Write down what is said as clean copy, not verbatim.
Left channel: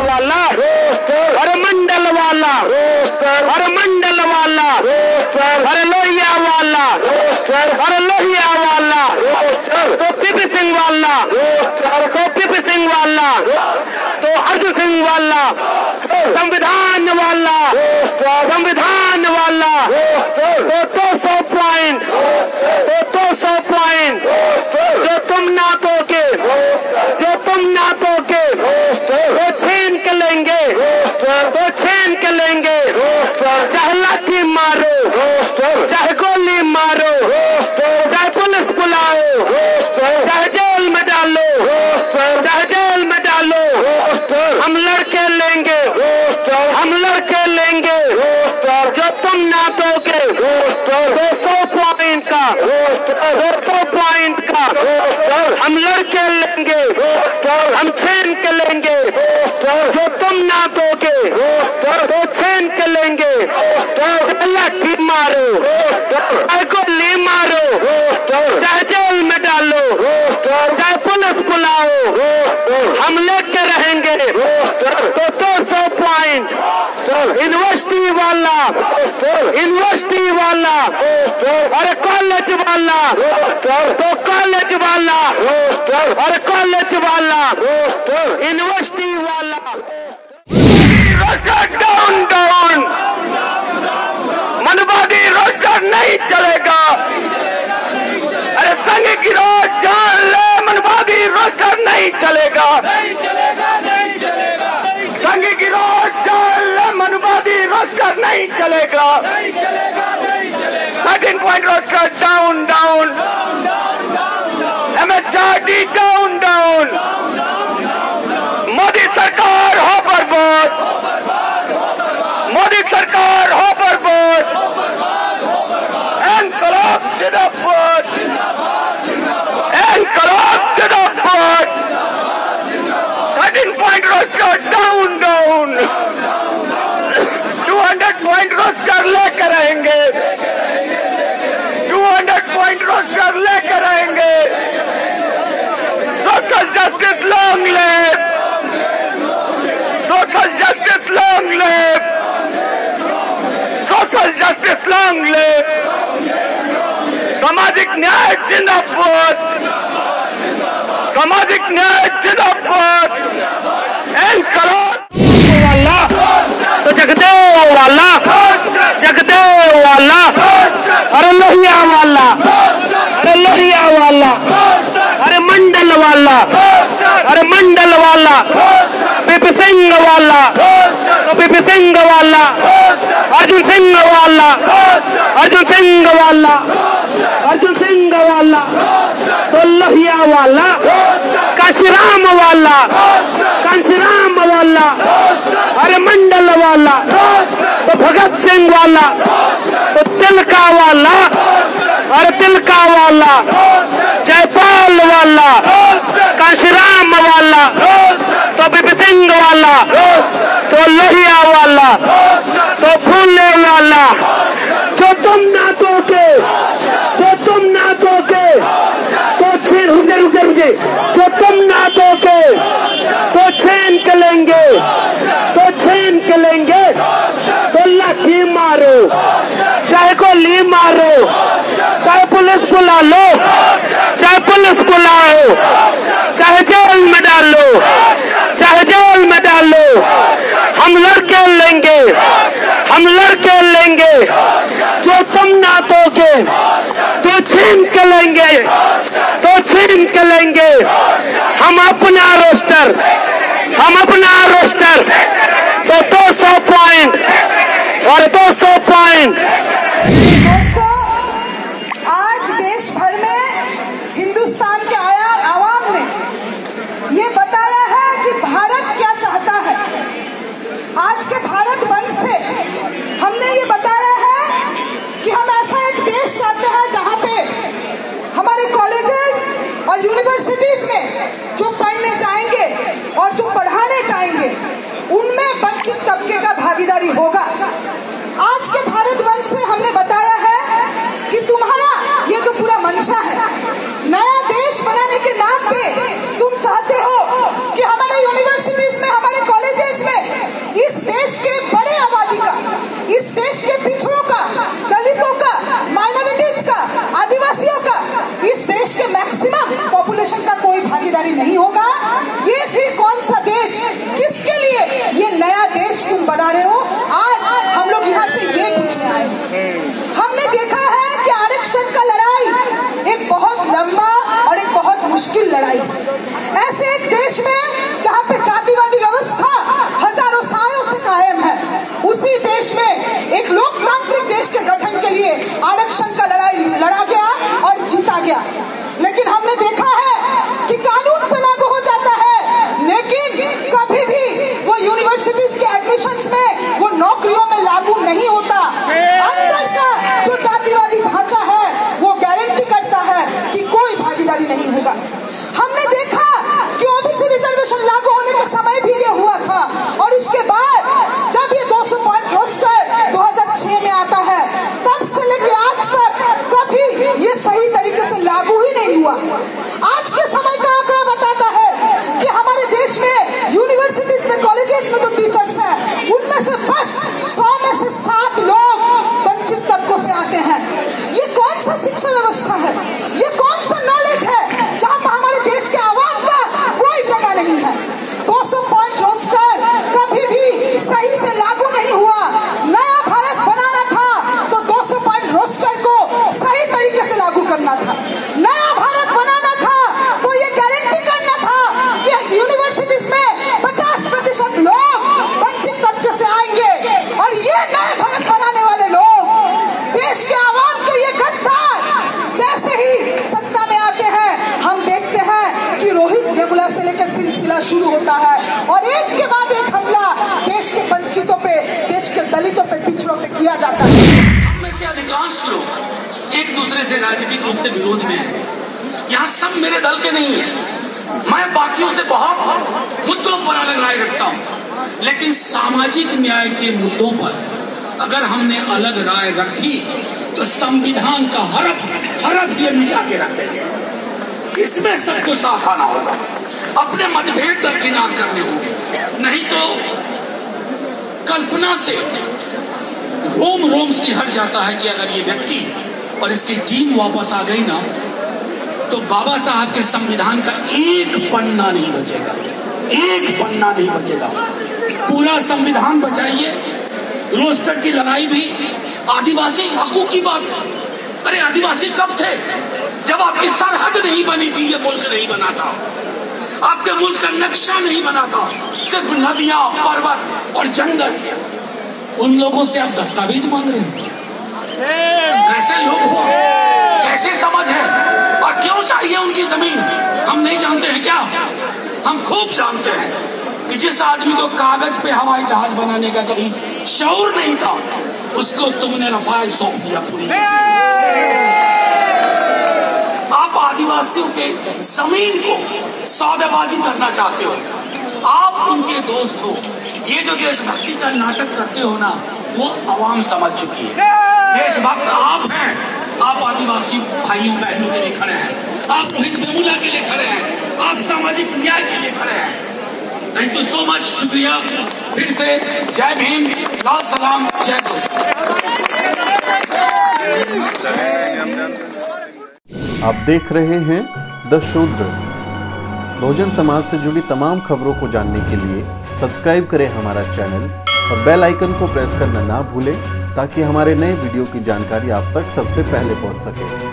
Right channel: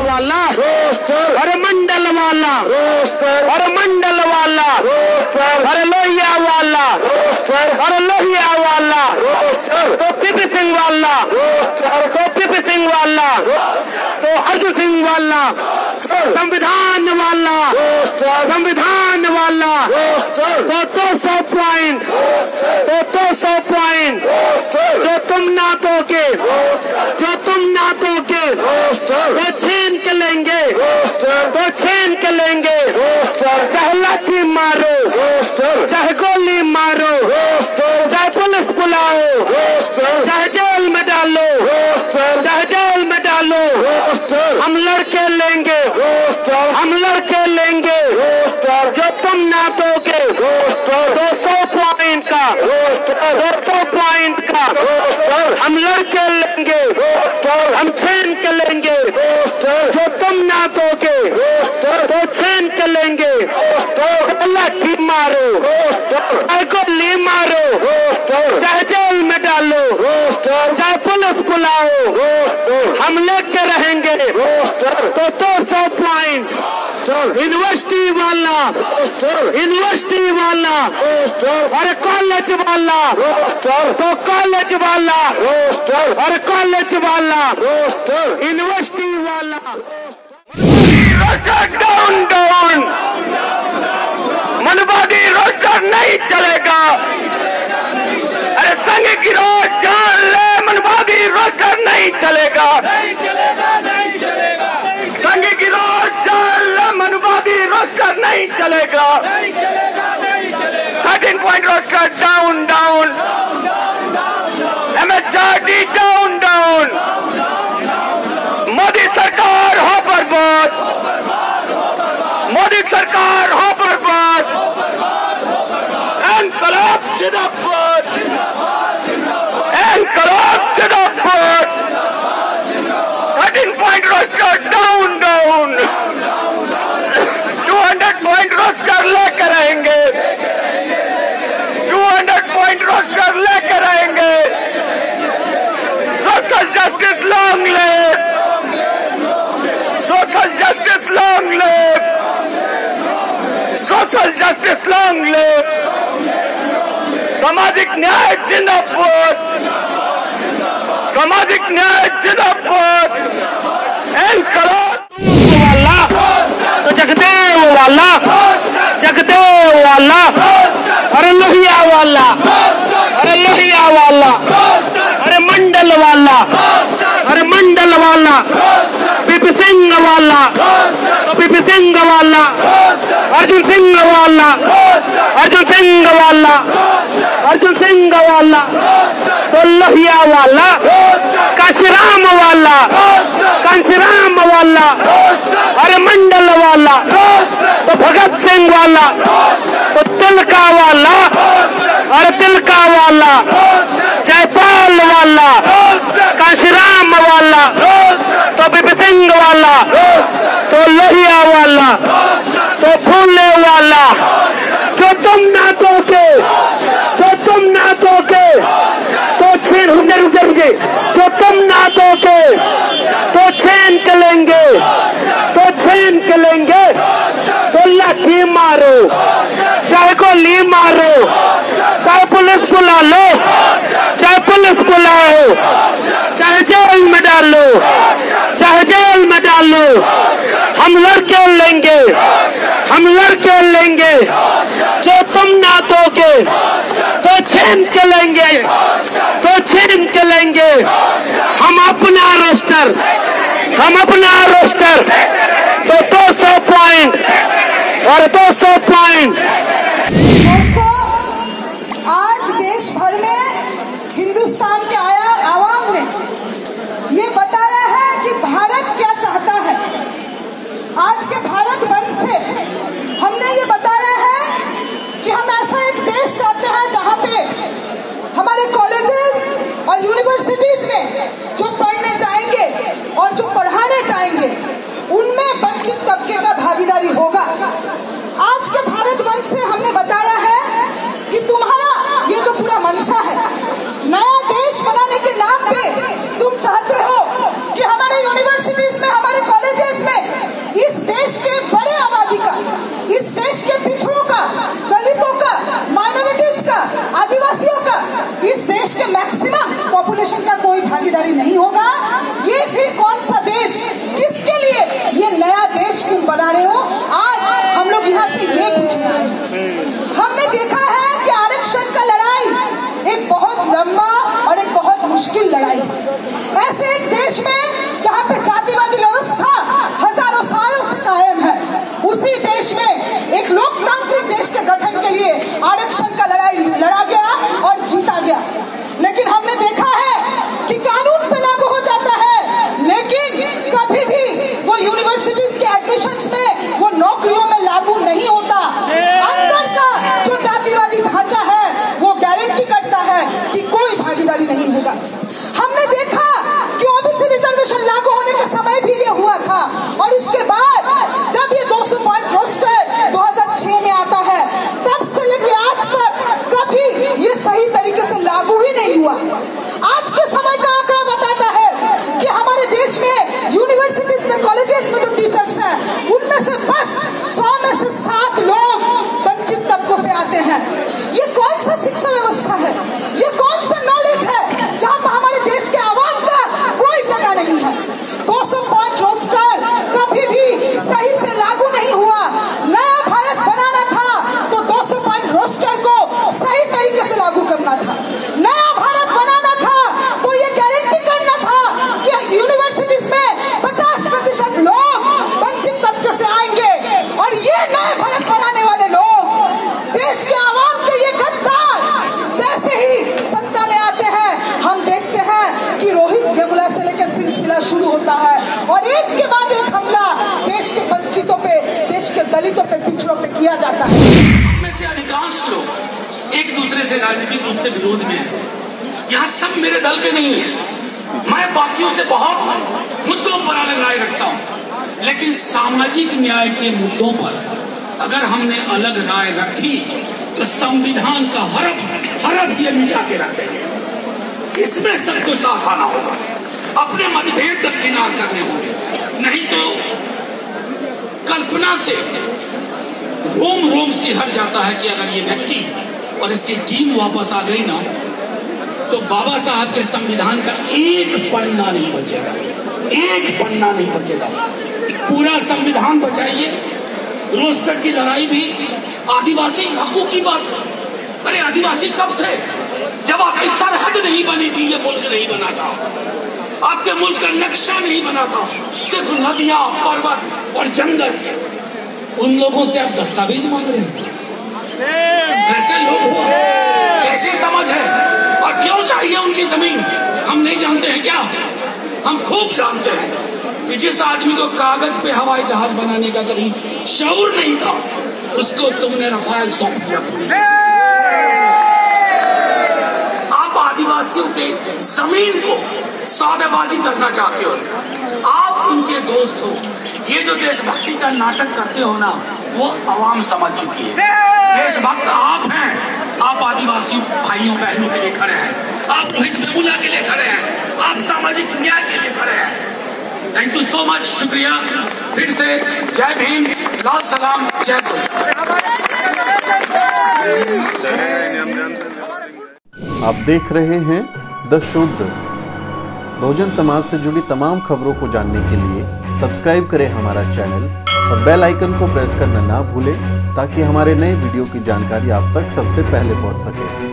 वाला रोस्टर, अरे मंडल वाला रोस्टर, अरे मंडल वाला रोस्टर, अरे लोहिया वाला रोस्टर, अरे लोहिया वाला रोस्टर, तो पीपी सिंह वाला रोस्टर, तो पीपी सिंह वाला, तो अर्जुन सिंह वाला, संविधान वाला रोस्टर, संविधान वाला रोस्टर, तो 200 पॉइंट, तो 200 पॉइंट जो तुम ना दोगे, जो तुम ना दोगे तो छीन के लेंगे, तो छीन के लेंगे, चाहे लाठी मारो, चाहे गोली मारो, चाहे पुलिस बुलाओ, चाहे जेल में डालो, चाहे जेल में डालो, हम लड़के लेंगे, हम लड़के लेंगे जो तुम ना दोगे 200 पॉइंट का, 200 पॉइंट का हम लड़के लेंगे, हम छीन के लेंगे जो तुम ना दोगे, तो छीन के लेंगे, चाहे लाठी मारो, चाहे गोली मारो, चाहे जेल में डालो, चाहे पुलिस बुलाओ, हम लेके रहेंगे तो 200 पॉइंट। यूनिवर्सिटी वाला, यूनिवर्सिटी वाला, अरे कॉलेज वाला, तो कॉलेज वाला, अरे कॉलेज वाला, यूनिवर्सिटी वाला, रोस्टर डाउन डाउन, मनवादी रोस्टर नहीं चलेगा, अरे संघ गिरोह जान ले, मनवादी रोस्टर नहीं चलेगा, संघ गिरोह जान ले, मनवादी रोस्टर नहीं चलेगा, 13 point roster down down, MHRD down down, Modi सरकार हो बर्बाद, मोदी सरकार हो बर्बाद, इनकलाब जिंदाबाद, इनकलाब जिंदाबाद, 13 पॉइंट रोस्टर डाउन डाउन, 200 पॉइंट रोस्टर लेकर आएंगे, 200 पॉइंट रोस्टर लेकर आएंगे, social justice long live, social justice long live, social justice long live, सामाजिक न्याय जिंदाबाद, सामाजिक न्याय जिंदाबाद, इनकलाब वाला, तो जगदेव वाला, जगदेव वाला, अरे लोहिया वाला, अरे लोहिया वाला, अरे मंडल वाला, अरे मंडल वाला, पीपी सिंह वाला, पीपी सिंह वाला, अर्जुन सिंह वाला, अर्जुन सिंह वाला, अर्जुन सिंह वाला, तो लोहिया वाला, काशीराम वाला, कांशीराम वाला, अरे मंडल वाला, तो भगत सिंह वाला, तो तिलका वाला, अरे तिलका वाला, जयपाल वाला, कांशीराम वाला, तो पीपी सिंह वाला, तो लोहिया वाला, तो फूले वाला, जो तुम ना दोगे, जो तुम ना दोगे तो छीन, रुके, जो तुम ना दोगे तो छीन के लेंगे, तो छीन के लेंगे, तो लाठी मारो, चाहे गोली मारो, चाहे पुलिस बुला लो, चाहे पुलिस बुलाओ, चाहे जेल में डालो, चाहे जेल में डालो, हम लड़के लेंगे, हम लड़के लेंगे जो तुम ना दोगे तो छीन के लेंगे, तो छीन के लेंगे, हम अपना रोस्टर, हम अपना रोस्टर, तो 200 पॉइंट और 200 पॉइंट। दोस्तों, आज देश भर में हिंदुस्तान के आवाम ने ये बताया है कि भारत क्या चाहता है। आज के भारत बंद से हमने ये बताया है कि हम ऐसा एक देश चाहते हैं जहां पे हमारे कॉलेजेस और यूनिवर्सिटीज में जो पढ़ने जाएंगे और जो पढ़ाने जाएंगे उनमें वंचित तबके का भागीदारी होगा। आज के भारत बंद से हमने बताया है कि तुम्हारा तुम बना रहे हो। आज हम लोग यहाँ से ये पूछने आए हैं। हमने देखा है कि आरक्षण का लड़ाई एक बहुत लंबा और एक बहुत मुश्किल लड़ाई है। ऐसे एक देश में जहाँ पे जातिवादी व्यवस्था हजारों सालों से कायम है, उसी देश में एक लोकतांत्रिक देश के गठन के लिए आरक्षण का लड़ाई लड़ा गया और जीता गया। लेकिन हमने देखा है कि कानून पे लागू हो जाता है, लेकिन कभी भी वो यूनिवर्सिटीज के एडमिशंस में, वो नौकरियों में लागू नहीं होता। अंदर का जो जातिवादी ढांचा है वो गारंटी करता है कि कोई भागीदारी नहीं होगा। हमने देखा कि ओबीसी रिजर्वेशन लागू होने के समय भी ये हुआ था, और उसके बाद जब ये 200 पॉइंट रोस्टर 2006 में आता है, तब से लेके आज तक कभी ये सही तरीके से लागू ही नहीं हुआ। आज के समय का आंकड़ा बताता है कि हमारे देश में यूनिवर्सिटीज में, कॉलेजेस में जो टीचर्स हैं, उनमें से बस 100 में से 7 लोग वंचित तबकों से आते हैं। ये कौन सा शिक्षा व्यवस्था है? ये कौन सा नॉलेज है जहाँ पर हमारे देश के आवाम का कोई जगह नहीं है? 200 पॉइंट रोस्टर कभी भी सही से लागू नहीं हुआ। नया भारत बनाना था तो 200 पॉइंट रोस्टर को सही तरीके से लागू करना था। नया भारत बनाना था तो ये गारंटी करना था कि यूनिवर्सिटीज में 50% लोग वंचित तबके से आएंगे, और ये नए भारत बनाने वाले लोग, देश के आवाम के ये गद्दार जैसे ही सत्ता में आते हैं, हम देखते हैं कि रोहित वेमुला से लेकर सिलसिला शुरू होता है और एक के बाद एक हमला देश के वंचितों पे, देश के दलितों पे, पिछड़ों पे किया जाता है। हम में से अधिकांश लोग एक दूसरे से राजनीतिक रूप से विरोध में हैं। यहाँ सब मेरे दल के नहीं है। मैं बाकियों से बहुत मुद्दों पर अलग राय रखता हूँ, लेकिन सामाजिक न्याय के मुद्दों पर अगर हमने अलग राय रखी तो संविधान का हरफ ये मिटा के रख देंगे। इसमें सबको साथ आना होगा, अपने मतभेद दरकिनार करने होंगे, नहीं तो कल्पना से रोम सिहर जाता है कि अगर ये व्यक्ति और इसकी टीम वापस आ गई ना, तो बाबा साहब के संविधान का एक पन्ना नहीं बचेगा, एक पन्ना नहीं बचेगा। पूरा संविधान बचाइए। रोस्टर की लड़ाई भी आदिवासी हकूक की बात। अरे आदिवासी कब थे? जब आपकी सरहद नहीं बनी थी, ये मुल्क नहीं बना था, आपके मुल्क का नक्शा नहीं बना था, सिर्फ नदियां, पर्वत और जंगल थे। उन लोगों से आप दस्तावेज मांग रहे हैं? कैसे लोग हो? कैसे समझ है? और क्यों चाहिए उनकी जमीन? हम नहीं जानते हैं क्या? हम खूब जानते हैं कि जिस आदमी को कागज पे हवाई जहाज बनाने का कभी शऊर नहीं था, उसको तुमने रफाल सौंप दिया पूरी। आप आदिवासियों के जमीन को सौदेबाजी करना चाहते हो। आप उनके दोस्त हो। ये जो देशभक्ति का नाटक करते हो ना, वो आवाम समझ चुकी है। देशभक्त आप हैं। आप आदिवासी भाइयों बहनों के लिए खड़े हैं, आप रोहित वेमुला के लिए खड़े हैं, आप सामाजिक न्याय के लिए खड़े हैं। थैंक यू सो मच, शुक्रिया। फिर से जय भीम, लाल सलाम, जय गुरु। आप देख रहे हैं द शूद्र। बहुजन समाज से जुड़ी तमाम खबरों को जानने के लिए सब्सक्राइब करें हमारा चैनल और बेल आइकन को प्रेस करना ना भूलें, ताकि हमारे नए वीडियो की जानकारी आप तक सबसे पहले पहुंच सके।